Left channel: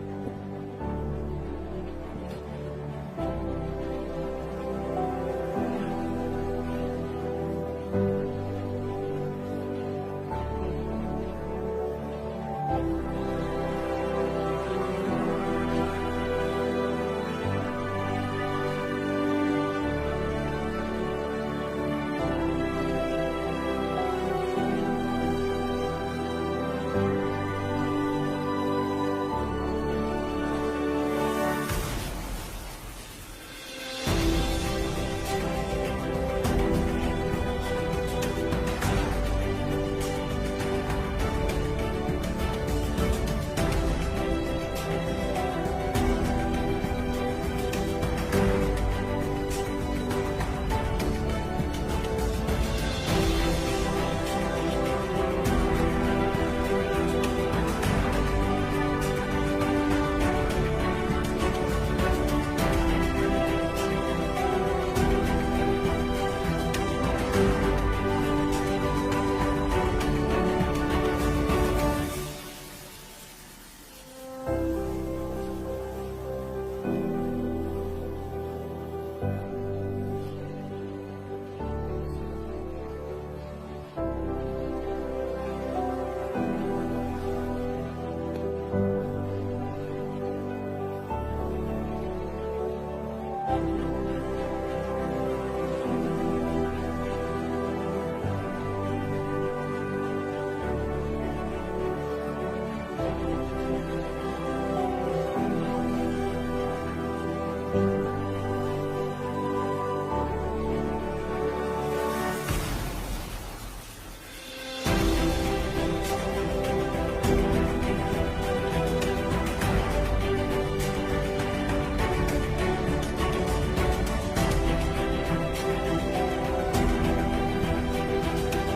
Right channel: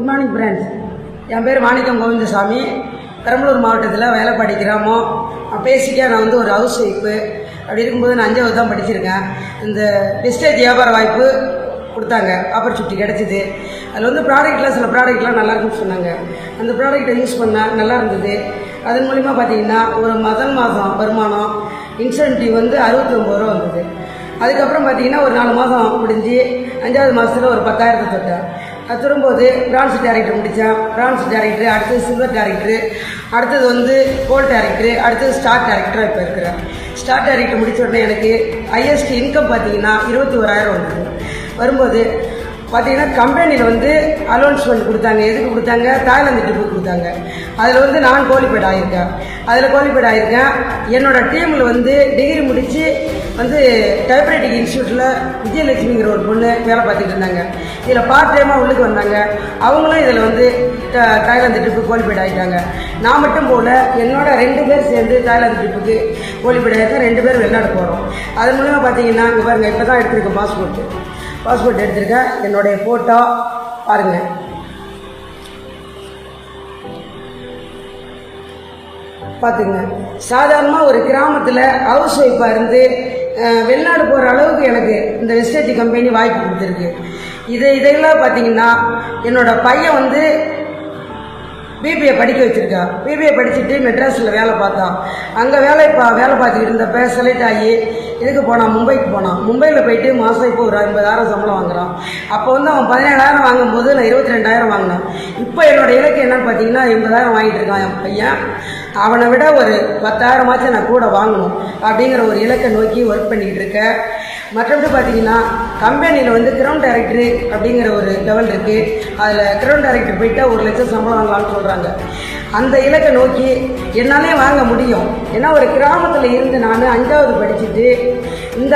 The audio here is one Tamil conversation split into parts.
Good morning friends. என் பேர் மாணிக்கம் கோவிந்தசாமி. பெரம்பலூர் மாவட்டத்தில் வேலைப்பாடி கிராமம். பேசிக்காக நான் ஒரு ஹவுஸ் ஒய்ஃபு. அப்படி இருக்கும்போது நான் 5வது தான் படிச்சிருக்கேன். இந்த டிஸ்டேஜ் வியாபார வாய்ப்பு கொடுத்தாங்க, ஆப்பர்ச்சுனிட்டி கிடச்சிது. அதில் ப்ராடக்ட்லாம் சில ப்ராடக்ட்லாம் நல்லாயிருக்குன்னு சொன்னாங்க. அந்த ப்ராடக்டை யூஸ் பண்ணால் நல்லா இருந்தது. அதன் மூலிமா பார்த்திங்கன்னா ஒரு முதல் மாதம் வருமானம் இன்சென்டிவ் 69 ரூபா வந்தது. அதுக்கப்புறம் பார்த்திங்கன்னா ஒரு 4 மாதம் முடிஞ்சு 5வது மாதத்தில் ஒரு 10,000 தொட்டேன். அது திரும்போது பிரான்ஸ் டேரக்டர் முடித்தேன். பிரான்ஸ் டேரக்டரு, அடுத்தது சில்வர் டேரக்டரு, அடுத்தது கோல்டு டேரக்டரு, அடுத்தது ஸ்டார் டேரக்டராக இப்போ இருக்கிறேன். ஸ்டார் டேரக்டர் முடித்த உடனே எனக்கு ஹையஸ்ட் இன்கம் பார்த்திங்கன்னா 21,000 வந்தது. வரும்போது பார்த்திங்கன்னா கம்பெனியில் அலோன்ஸ்மெண்ட் கொடுத்தாங்க. எதுக்கு கொடுத்தாங்க? தாய்லாந்து ட்ரிப்பு கொடுத்தாங்க. அதில் நான் குவாலிஃபைட் ஆகியிருக்கேன். என்னோடய டீமில் டிகிரி முடித்து டைப்ரைட்டிங் இன்ஸ்டியூட்டில் விஜயலட்சுமிங்கிற ஒரு பொண்ணு வேலை பார்த்துட்டு இருந்தாங்க. இதில் பார்ட் டைமாக உள்ளுக்கு வந்தாங்க. அவங்களும் இதில் தாய்லாந்து ட்ரிப்பு குவாலிஃபைட் ஆகிட்டாங்க. நான் மட்டும் போல் என்னோட 2 பேர் சேர்ந்து தாய்லாந்து ட்ரிப்புக்கு குவாலிஃபைட் ஆகிருக்கேன். 2 பேர் வெளிநாடு போகிறோம். அது மூலமாக பார்த்தீங்கன்னா இங்கே பாருங்கள், இப்போ தான் எடுத்திருக்கேன் பாஸ்போர்ட் எடுத்திருக்கேன். என்னுடைய ஃபோட்டோ பாருங்கள். பார்த்துங்க, சாதாரணமாக ஒரு கிராமத்தில் ஹவுஸ் ஒய்ஃபாக இருந்து வெளிநாடு போகிற அளவுக்கு எனக்கு இந்த வெஸ்டேஜ் கம்பெனி வாய்ப்பு கொடுத்துருக்கு. இதெல்லாம் பார்த்தீங்கன்னா என்னோடய பையன் பிபிஏ படிக்க வச்சுருக்கா. பிபிஏ படிச்சுட்டு மெட்ராஸில் வேலை பார்த்தான். அங்கே வேலை பார்த்துக்கிட்டு இருந்தப்போ செலக்ட் ஆகி இதுக்கு போனான், மும்பைக்கு போனான். மும்பையில் போயிட்டு மாதம் இப்போ ஒரு 50,000 சம்பளம் வாங்குறான். அப்போ அவன் 17,000 வாங்கும்போது நான் 22,000 வாங்கினேன். இப்போ என்னோடய இலக்கு என்னன்னு பார்த்தீங்கன்னா 80,000 வாங்கிட்டு இருக்கான் என் பையன். அவனை விட ஒரு 10,000 நான் கூட வாங்கணும் அப்படிங்கிற ஒரு இலக்கை நோக்கி ஒர்க் பண்ணிக்கிட்டு இருக்கேன். மற்றபடி பார்த்தீங்கன்னா கம்பெனியில் கிரவுண்ட் டைரக்டரு அப்படிங்கிற ஒரு லெவல் இருக்குது. அதில் கிரவுண்ட் டைரக்டர் போயிட்டால் 1 லட்சம் சம்பளம் வாங்கலாம்னு சொல்கிறாங்க. அந்த இலக்கை நோக்கி என்னாலே வாங்க முடியும். ஏன்னா ஒரு கிராமத்தில் இருந்து நான் 5வது படிச்சுட்டு இந்த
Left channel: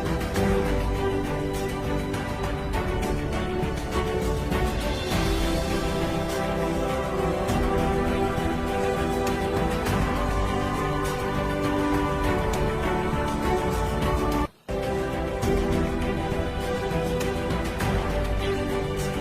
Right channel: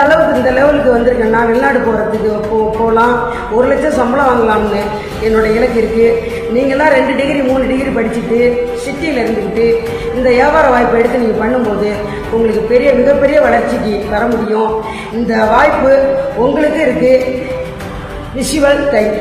லெவலுக்கு வந்திருக்கேன். நான் வெளிநாடு போகிறதுக்கு போகலாம், 1 லட்சம் சம்பளம் வாங்கலாம்னு என்னோடய இலக்கு இருக்குது. நீங்களாம் 2 டிகிரி 3 டிகிரி படிச்சுட்டு சிட்டியில் இருந்துக்கிட்டு இந்த வியாபார வாய்ப்பை எடுத்து நீங்கள் பண்ணும்போது உங்களுக்கு மிகப்பெரிய வளர்ச்சிக்கு வர முடியும். இந்த வாய்ப்பு உங்களுக்கு இருக்குது. Visual type.